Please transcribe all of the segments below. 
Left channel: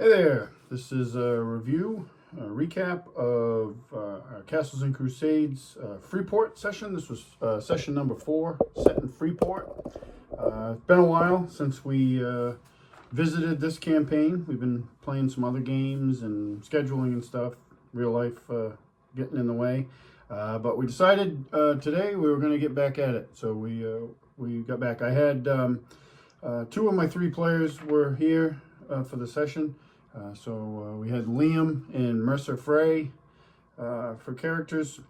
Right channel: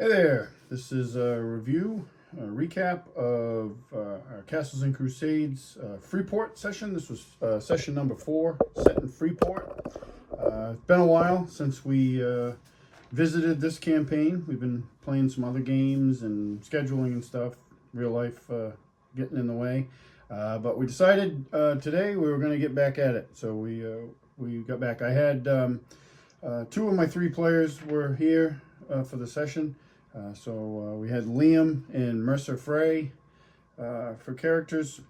Hey there, this is a review, a recap of our Castles and Crusades Freeport session. This was session number 4, set in Freeport. It's been a while since we visited this campaign. We've been playing some other games and scheduling and stuff, real life getting in the way. But we decided today we were going to get back at it. So we got back. I had 2 of my 3 players were here for the session. So we had Liam and Mercer Frey for characters.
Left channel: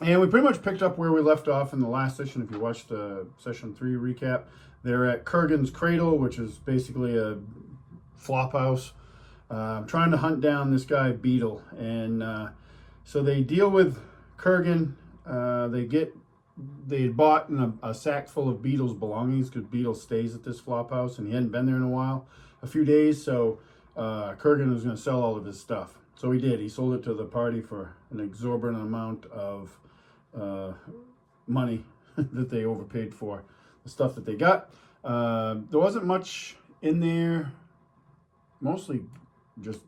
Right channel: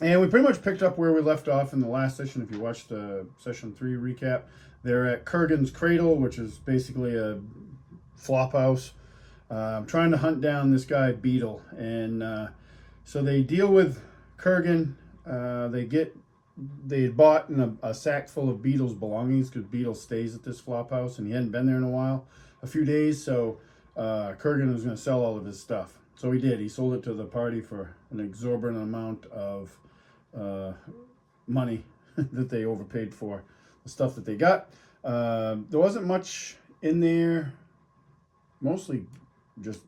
And we pretty much picked up where we left off in the last session. If you watched the session 3 recap, they're at Kurgan's Cradle, which is basically a flop house, trying to hunt down this guy Beedle. And so they deal with Kurgan. They bought a sack full of Beedle's belongings because Beedle stays at this flop house and he hadn't been there in a few days. So Kurgan was going to sell all of his stuff. So he did. He sold it to the party for an exorbitant amount of money that they overpaid for the stuff that they got. There wasn't much in there, mostly just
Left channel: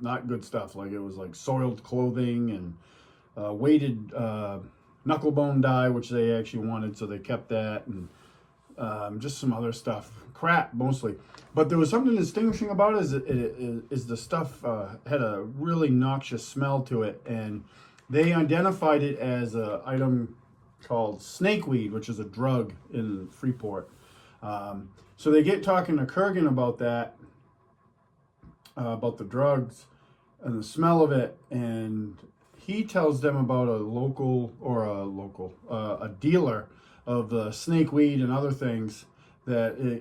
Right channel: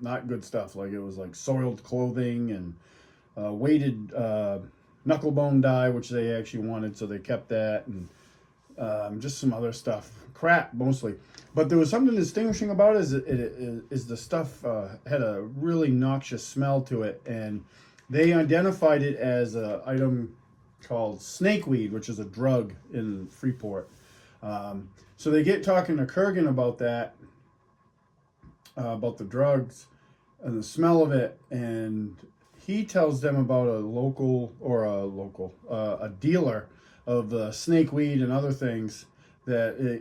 not good stuff. Like it was like soiled clothing and weighted knucklebone dye, which they actually wanted, so they kept that, and just some other stuff. Crap, mostly. But there was something distinguishing about it, is the stuff had a really noxious smell to it, and they identified it as an item called snakeweed, which is a drug in Freeport. So they get talking to Kurgan about that, about the drugs and the smell of it, and he tells them about a dealer of the snakeweed and other things that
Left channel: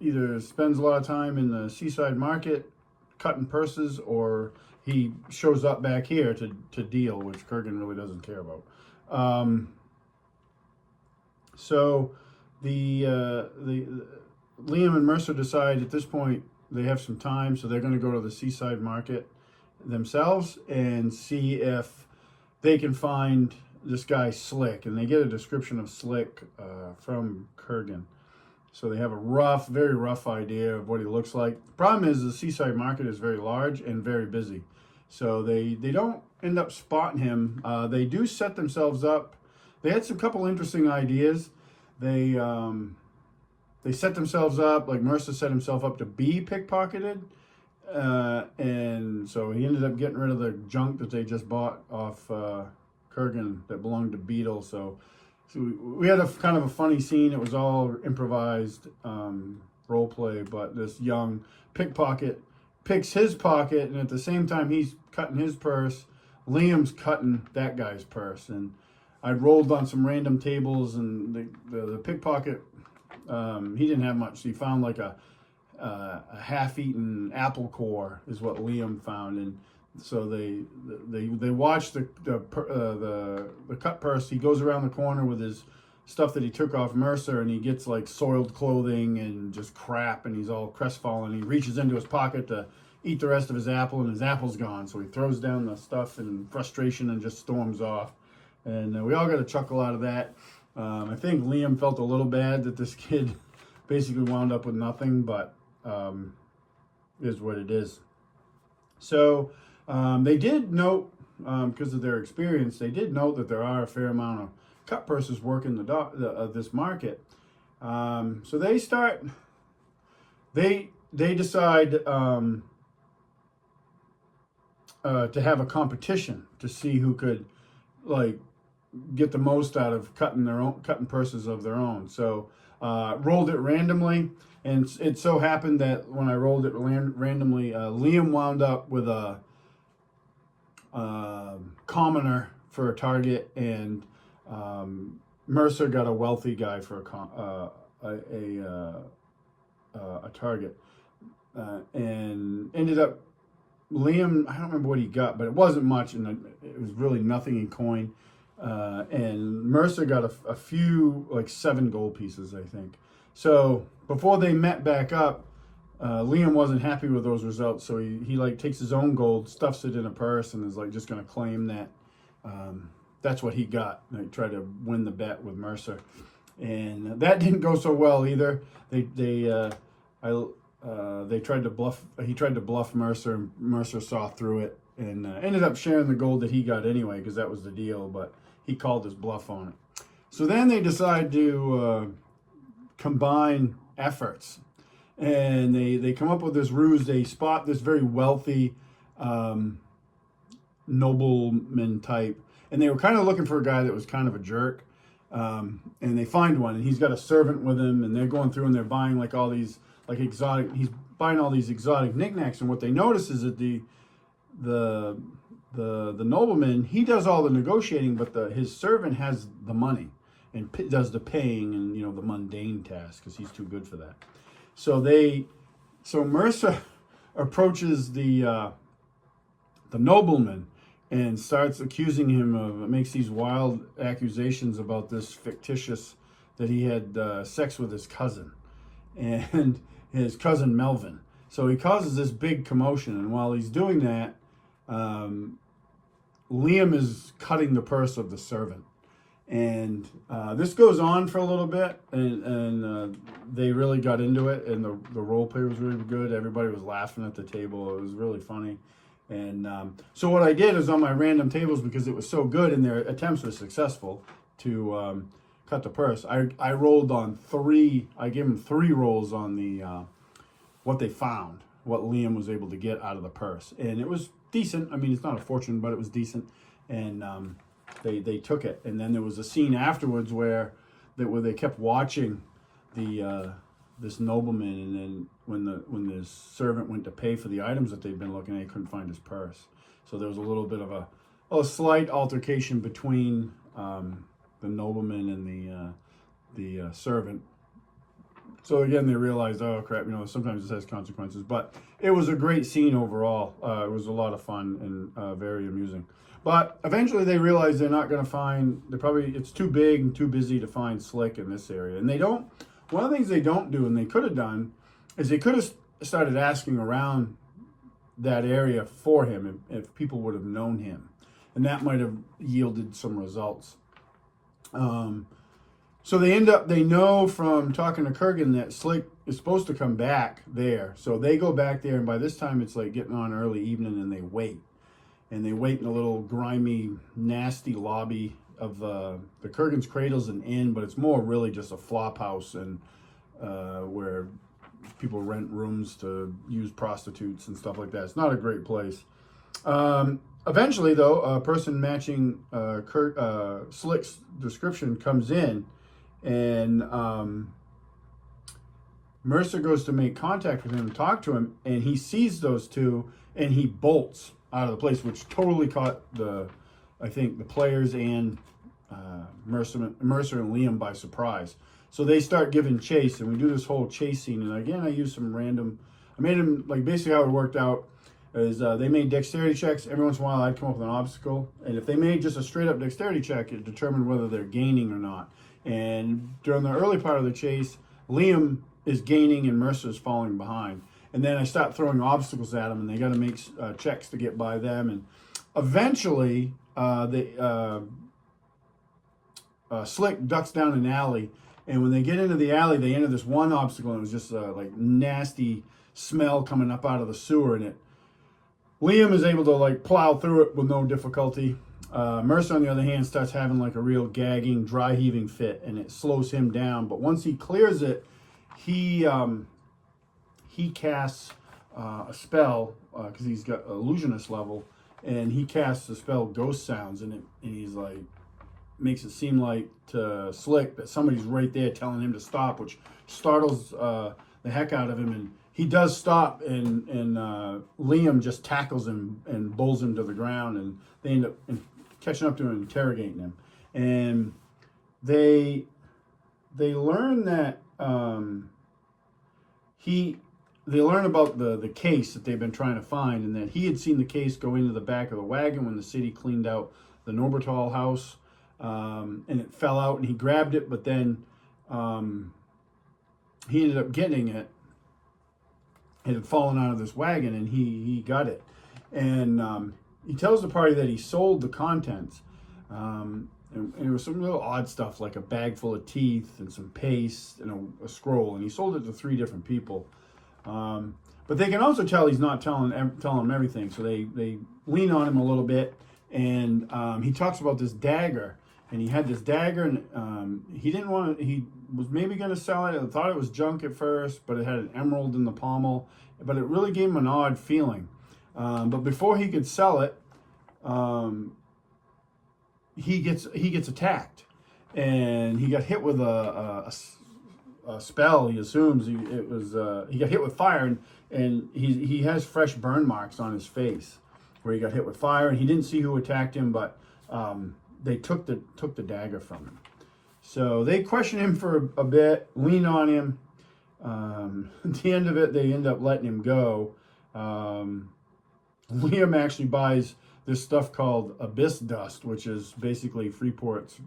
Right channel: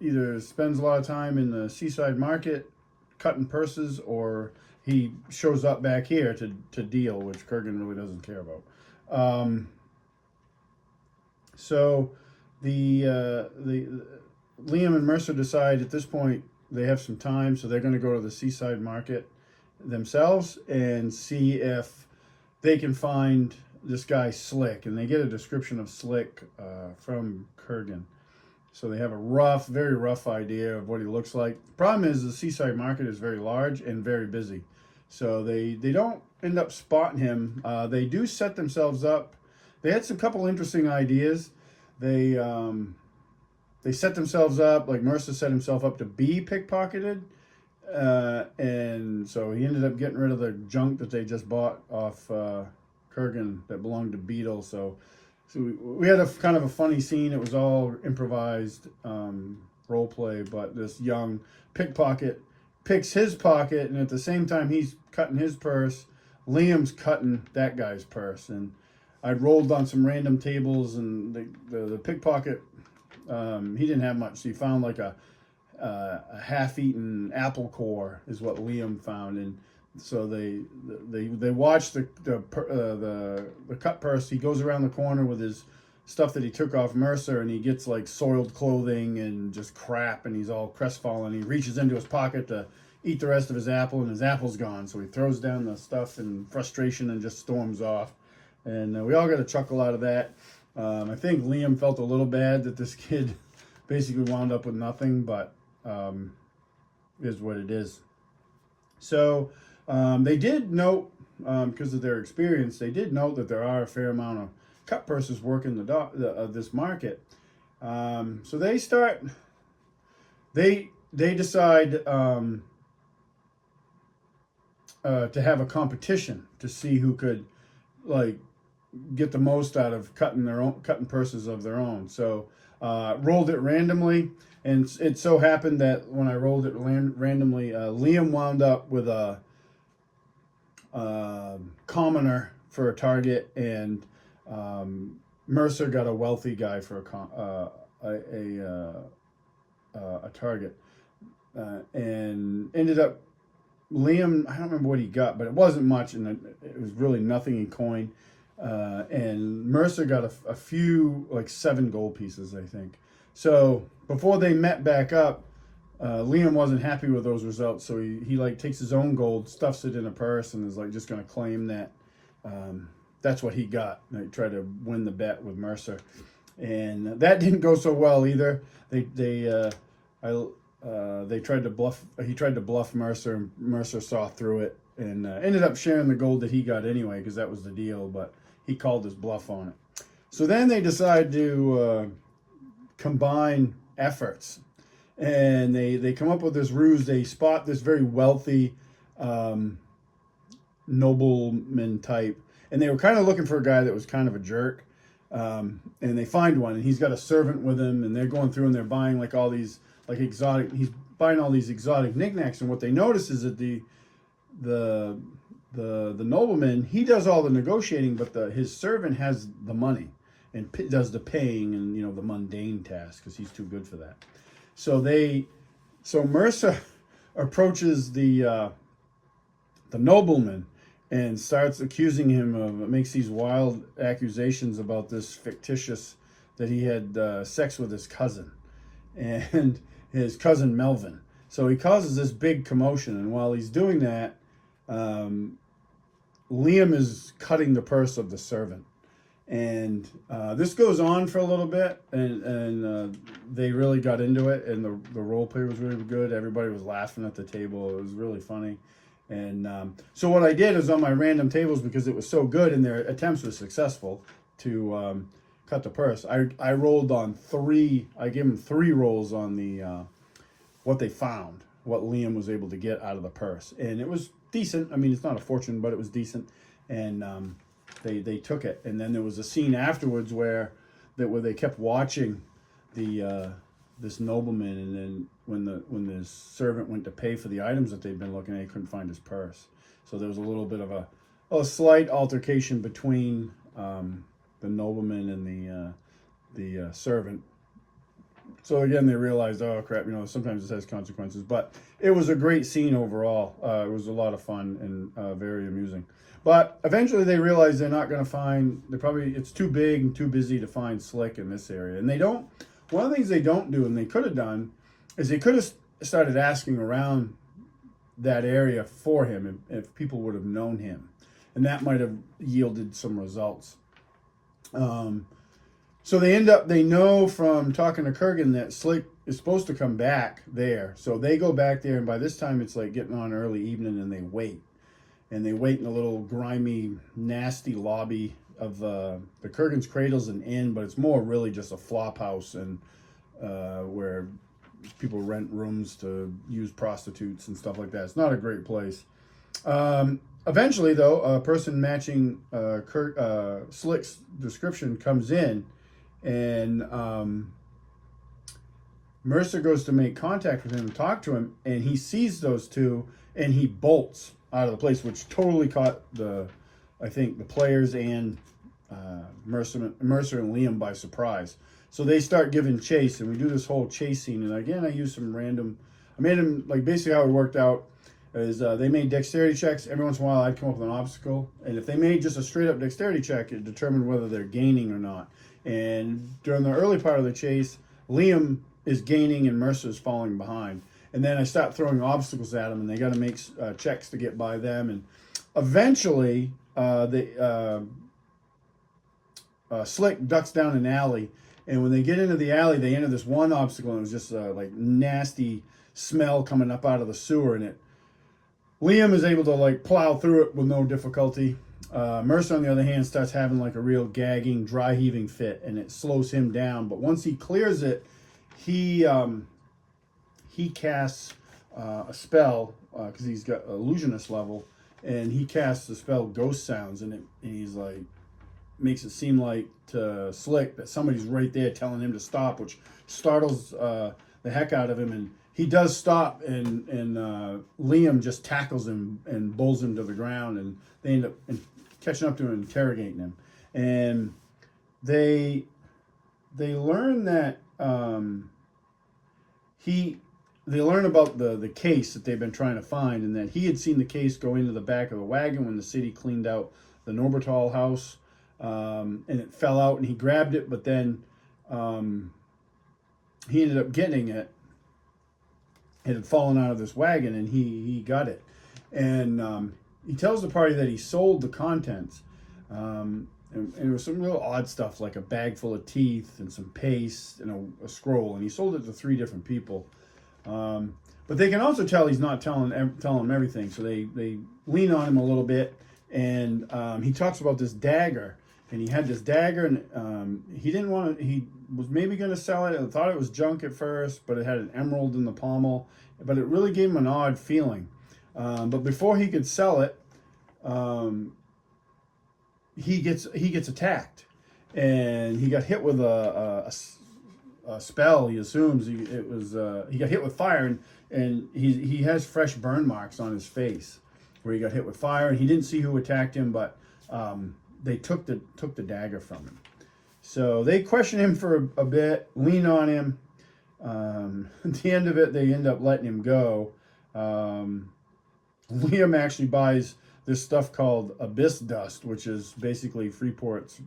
either spends a lot of time in the seaside market cutting purses, or he shows up back here to deal, which Kurgan really doesn't care about. So the Liam and Mercer decide at this point they have some time, so they're going to go to the seaside market themselves and see if they can find this guy Slick, and they get a description of Slick from Kurgan. So they have a very rough idea of what he looks like. The problem is the seaside market is very large and very busy. So they don't end up spotting him. They do set themselves up. They had some couple interesting ideas. They set themselves up, like Mercer set himself up to be pickpocketed. And so he ended up getting rid of the junk that they just bought off Kurgan that belonged to Beedle. So we had a kind of a funny scene. It was all improvised role play, but this young pickpocket picks his pocket, and at the same time he's cutting his purse, Liam's cutting that guy's purse. And I rolled on some random tables, and the pickpocket, he didn't have much. So he found like a half-eaten apple core is what Liam found, and so they watch the cut purse. He goes around the corner with his stuff that he took off Mercer, and he gets like soiled clothing and just crap, and he's all crestfallen. He reaches into his pocket to eat the rest of his apple, and his apple's gone. So he throws down the stuff in frustration and just storms off. And we all got a chuckle out of that. I think Liam felt a little bad that this kid basically wound up with nothing, but is what it is. So they did note, because of their experience, they did note that there are a fair amount of cut purses working this market. So they decide to have a competition to see who could like get the most out of cutting purses of their own. So rolled it randomly, and it so happened that when I rolled it randomly, Liam wound up with a commoner for a target, and Mercer got a wealthy guy for a target, and ended up Liam, I don't remember what he got, but it wasn't much, and it was really nothing in coin. And Mercer got a few, like 7 gold pieces, I think. So before they met back up, Liam wasn't happy with those results, so he like takes his own gold, stuffs it in a purse, and is like just going to claim that that's what he got. They tried to win the bet with Mercer, and that didn't go so well either. they tried to bluff. He tried to bluff Mercer, and Mercer saw through it and ended up sharing the gold that he got anyway, because that was the deal. But he called his bluff on it. So then they decide to combine efforts, and they come up with this ruse. They spot this very wealthy nobleman type, and they were kind of looking for a guy that was kind of a jerk. And they find one, and he's got a servant with him, and they're going through and they're buying like all these like exotic. He's buying all these exotic knickknacks, and what they notice is that the nobleman, he does all the negotiating, but his servant has the money and does the paying and the mundane tasks, because he's too good for that. So Mercer approaches the nobleman and starts accusing him makes these wild accusations about this fictitious, that he had sex with his cousin, and his cousin Melvin. So he causes this big commotion, and while he's doing that, Liam is cutting the purse of the servant. And this goes on for a little bit, and they really got into it, and the role play was really good. Everybody was laughing at the table. It was really funny. And so what I did is, on my random tables, because it was so good and their attempts were successful to cut the purse, I rolled on 3. I gave them 3 rolls on the what they found, what Liam was able to get out of the purse, and it was decent. I mean, it's not a fortune, but it was decent, and they took it. And then there was a scene afterwards where they kept watching this nobleman, and then when the servant went to pay for the items that they'd been looking at, he couldn't find his purse. So there was a little bit of a slight altercation between the nobleman and the servant. So again, they realized, oh crap, sometimes this has consequences. But it was a great scene overall. It was a lot of fun and very amusing. But eventually they realized they're not going to find, it's too big and too busy to find Slick in this area. And one of the things they don't do, and they could have done, is they could have started asking around that area for him if people would have known him. And that might have yielded some results. So they know from talking to Kurgan that Slick is supposed to come back there. So they go back there, and by this time it's like getting on early evening, and they wait. And they wait in a little grimy, nasty lobby of the Kurgan's Cradle's an inn, but it's more really just a flop house, and where people rent rooms to use prostitutes and stuff like that. It's not a great place. Eventually, though, a person matching Slick's description comes in, and Mercer goes to make contact with him and talk to him, and he sees those two, and he bolts out of the place, which totally caught the players and Mercer and Liam by surprise. So they start giving chase, and we do this whole chase scene. And again, I used some random. I made them, like, basically how it worked out is they made dexterity checks. Every once in a while, I'd come up with an obstacle, and if they made just a straight up dexterity check, it determined whether they're gaining or not. And during the early part of the chase, Liam is gaining and Mercer's falling behind. And then I start throwing obstacles at them, and they got to make checks to get by them. And eventually, Slick ducks down an alley. And when they get into the alley, they enter this one obstacle, and it was just like nasty smell coming up out of the sewer. And Liam is able to like plow through it with no difficulty. Mercer, on the other hand, starts having like a real gagging, dry heaving fit, and it slows him down. But once he clears it, he casts a spell, because he's got illusionist level, and he casts the spell Ghost Sounds, and he's like, makes it seem like to Slick that somebody's right there telling him to stop, which startles the heck out of him, and he does stop, and Liam just tackles him and bowls him to the ground, and they end up catching up to him and interrogating him. And they learn that they learn about the case that they've been trying to find, and that he had seen the case go into the back of the wagon when the city cleaned out the Norbertal house, and it fell out, and he grabbed it, but then he ended up getting it. It had fallen out of this wagon, and he got it. And he tells the party that he sold the contents. And it was some real odd stuff, like a bag full of teeth and some paste and a scroll. And he sold it to 3 different people. But they can also tell he's not telling them everything, so they lean on him a little bit, and he talks about this dagger, and he had this dagger, and he didn't want to. He was maybe going to sell it. I thought it was junk at first, but it had an emerald in the pommel, but it really gave him an odd feeling. But before he could sell it, he gets attacked, and he got hit with a spell. He assumes he got hit with fire, and he has fresh burn marks on his face where he got hit with fire, and he didn't see who attacked him, but they took the dagger from him. So they question him for a bit, lean on him. At the end of it, they end up letting him go. Liam actually buys this stuff called abyss dust, which is basically Freeport's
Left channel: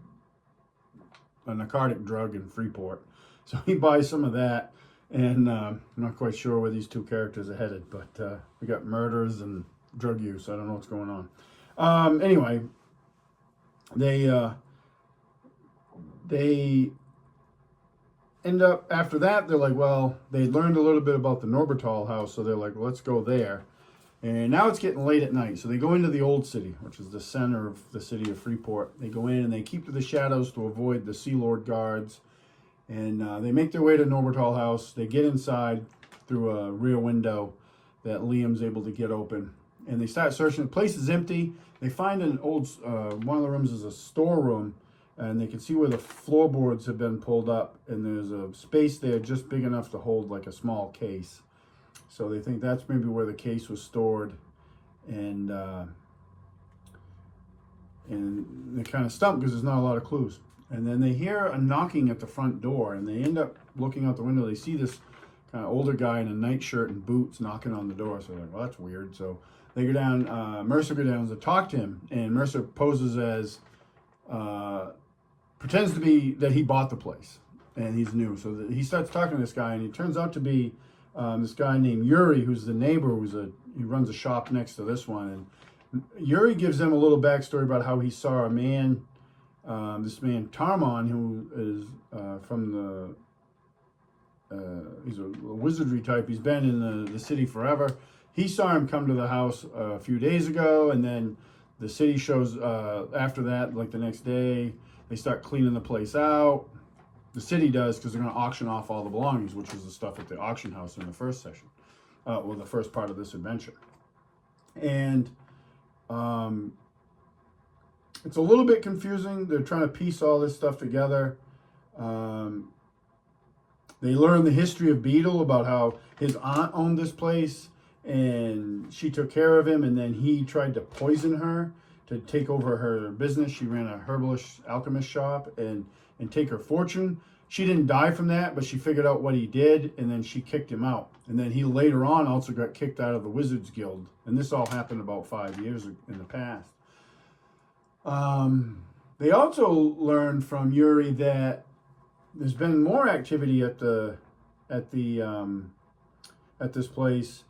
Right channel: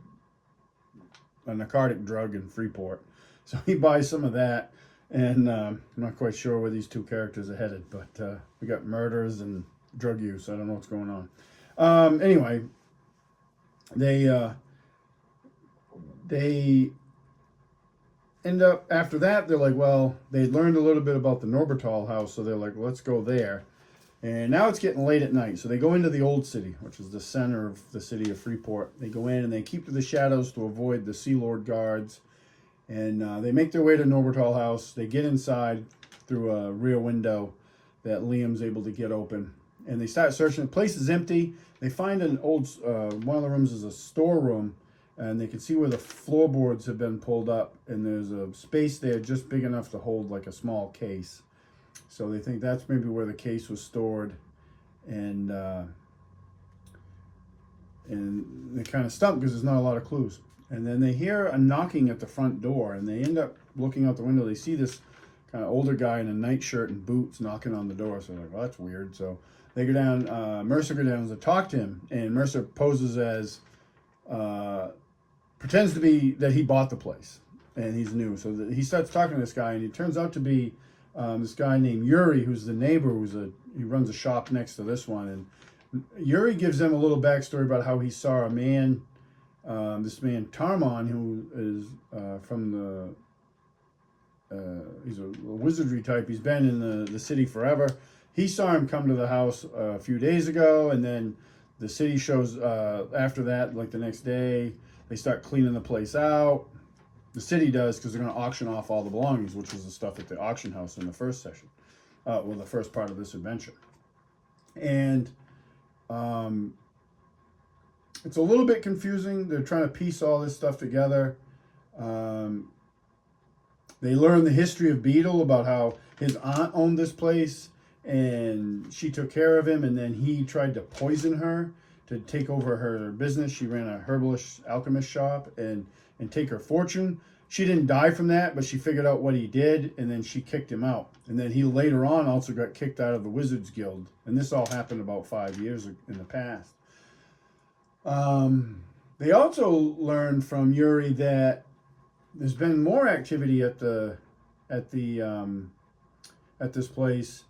a narcotic drug in Freeport. So he buys some of that, and I'm not quite sure where these two characters are headed, but we got murders and drug use. I don't know what's going on. Anyway, they end up, after that, they're like, well, they learned a little bit about the Norbertal house, so they're like, well, let's go there. And now it's getting late at night, so they go into the old city, which is the center of the city of Freeport. They go in and they keep to the shadows to avoid the Sea Lord guards. And they make their way to Norbertal house. They get inside through a rear window that Liam's able to get open. And they start searching. The place is empty. They find an old, one of the rooms is a storeroom. And they can see where the floorboards have been pulled up. And there's a space there just big enough to hold like a small case. So they think that's maybe where the case was stored. And they're kind of stumped because there's not a lot of clues. And then they hear a knocking at the front door, and they end up looking out the window. They see this kind of older guy in a nightshirt and boots knocking on the door. So they're like, well, that's weird. So they go down, Mercer goes down to talk to him, and Mercer poses as, pretends to be that he bought the place, and he's new. So he starts talking to this guy, and he turns out to be this guy named Yuri, who's the neighbor, he runs a shop next to this one. And Yuri gives them a little backstory about how he saw a man, this man Tarmon, who is from he's a wizardry type. He's been in the city forever. He saw him come to the house a few days ago, and then the city shows after that, like the next day, they start cleaning the place out. The city does, because they're going to auction off all the belongings, which was the stuff at the auction house in the first session. Well, the first part of this adventure. And it's a little bit confusing. They're trying to piece all this stuff together. They learn the history of Beedle, about how his aunt owned this place, and she took care of him, and then he tried to poison her to take over her business. She ran a herbalist alchemist shop and take her fortune. She didn't die from that, but she figured out what he did, and then she kicked him out. And then he later on also got kicked out of the Wizards Guild. And this all happened about 5 years in the past. They also learned from Yuri that there's been more activity at this place,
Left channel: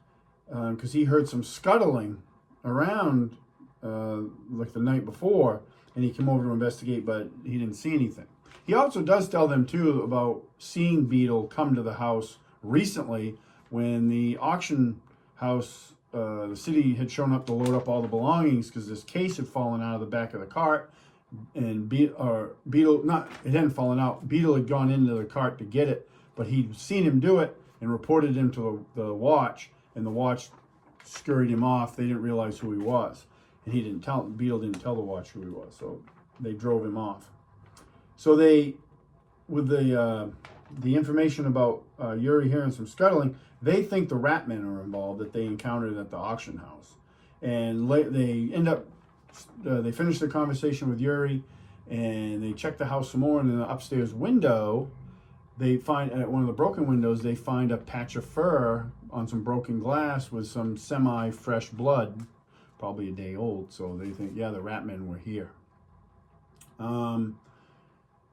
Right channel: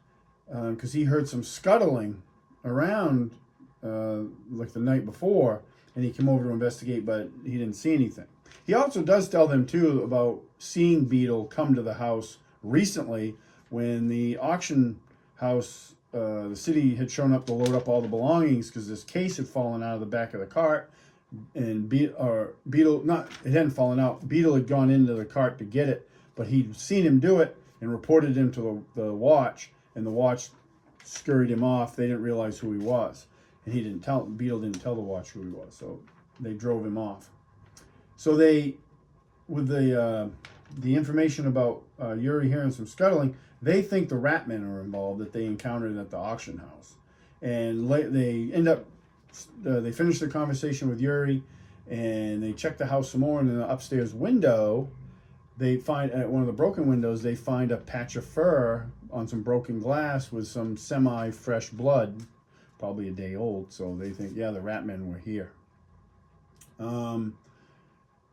because he heard some scuttling around like the night before, and he came over to investigate, but he didn't see anything. He also does tell them too about seeing Beedle come to the house recently when the auction house, the city had shown up to load up all the belongings because this case had fallen out of the back of the cart, and Beedle, it hadn't fallen out. Beedle had gone into the cart to get it, but he'd seen him do it and reported him to the watch, and the watch scurried him off. They didn't realize who he was, and Beedle didn't tell the watch who he was, so they drove him off. So with the information about Yuri hearing some scuttling, they think the Ratmen are involved that they encountered at the auction house. And they end up, they finish their conversation with Yuri, and they check the house some more, and in the upstairs window, they find, at one of the broken windows, they find a patch of fur on some broken glass with some semi-fresh blood, probably a day old. So they think, yeah, the Ratmen were here.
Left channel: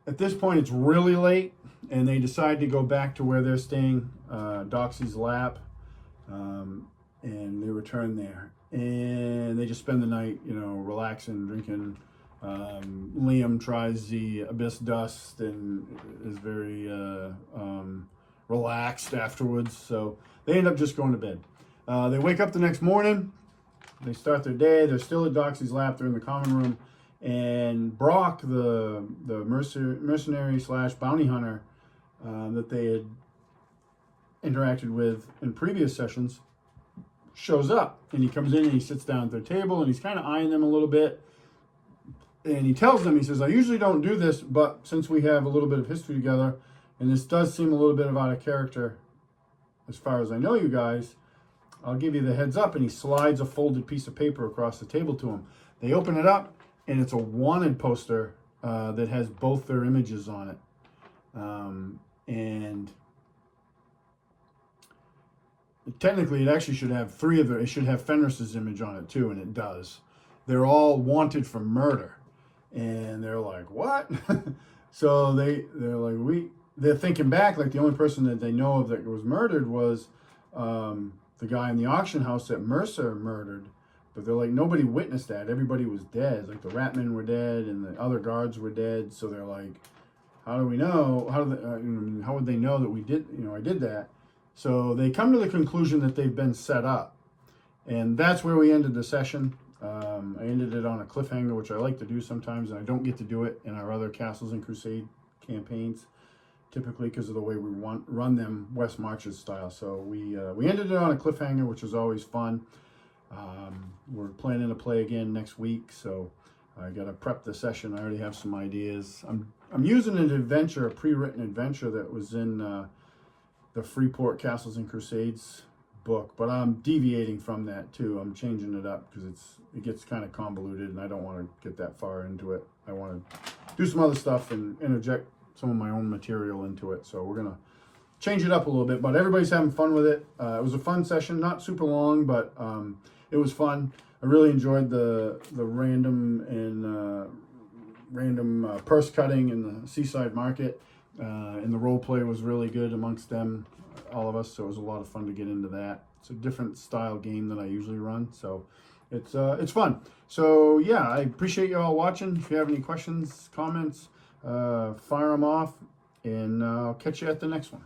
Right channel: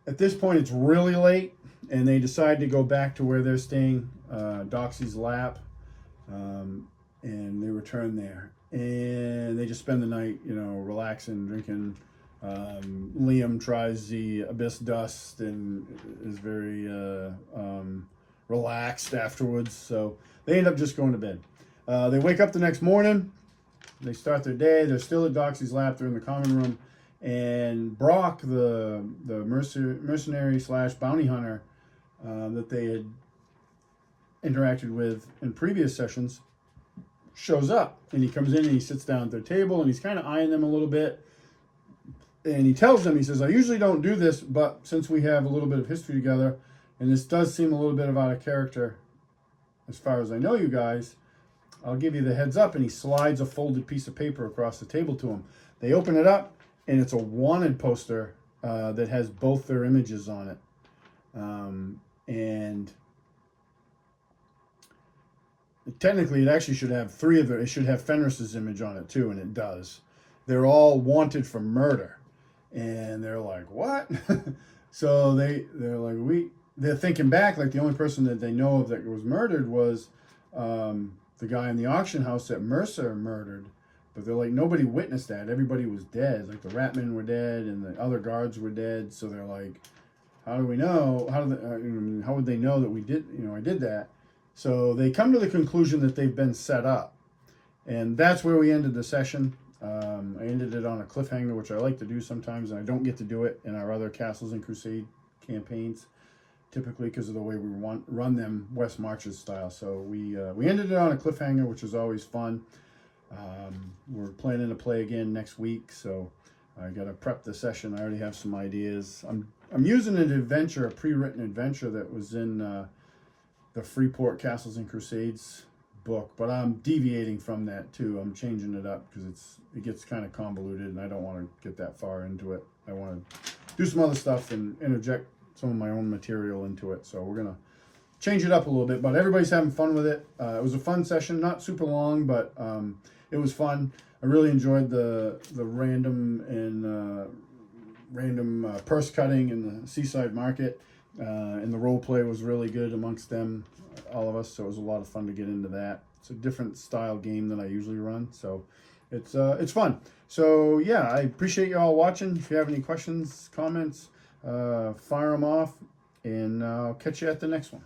At this point, it's really late, and they decide to go back to where they're staying, Doxy's lap, and they return there. And they just spend the night, relaxing, drinking. Liam tries the abyss dust and is very relaxed afterwards. So they end up just going to bed. They wake up the next morning. They start their day. They're still at Doxy's lap. They're in the common room. And Brock, the mercenary slash bounty hunter that they had interacted with in previous sessions, shows up. And he comes in and he sits down at their table and he's kind of eyeing them a little bit. And he tells them, he says, I usually don't do this, but since we have a little bit of history together, and this does seem a little bit of out of character as far as I know you guys, I'll give you the heads up. And he slides a folded piece of paper across the table to them. They open it up, and it's a wanted poster that has both their images on it. And technically, it actually should have three of them. It should have Fenris's image on it, too, and it does. They're all wanted for murder. And they're like, what? So they're thinking back, like the only person that they know of that was murdered was the guy in the auction house that Mercer murdered. But they're like, nobody witnessed that. Everybody was dead. Like the Ratmen were dead and the other guards were dead. So they're like, how do we know? How would they know that we did? I did that. So they come to the conclusion that they've been set up, and that's where we ended the session. I ended it on a cliffhanger, which I like to do sometimes, and I don't get to do it in our other Castles and Crusade campaigns, typically because of the way we run them West Marches style. So we ended it on a cliffhanger, which is always fun. We're planning to play again next week, so I got to prep the session. I already have some ideas. I'm using an adventure, a pre-written adventure that was in the Freeport Castles and Crusades book, but I'm deviating from that too. I'm changing it up because it gets kind of convoluted, and I don't want to get that far into it. I want to do some other stuff and interject some of my own material into it. So we're gonna change it up a little bit, but everybody's having fun with it. It was a fun session, not super long, but it was fun. I really enjoyed the random purse cutting in the Seaside Market, and the role play was really good amongst them, all of us. So it was a lot of fun to get into that. It's a different style game than I usually run, so it's fun. So yeah, I appreciate you all watching. If you have any questions, comments, fire them off, and I'll catch you at the next one.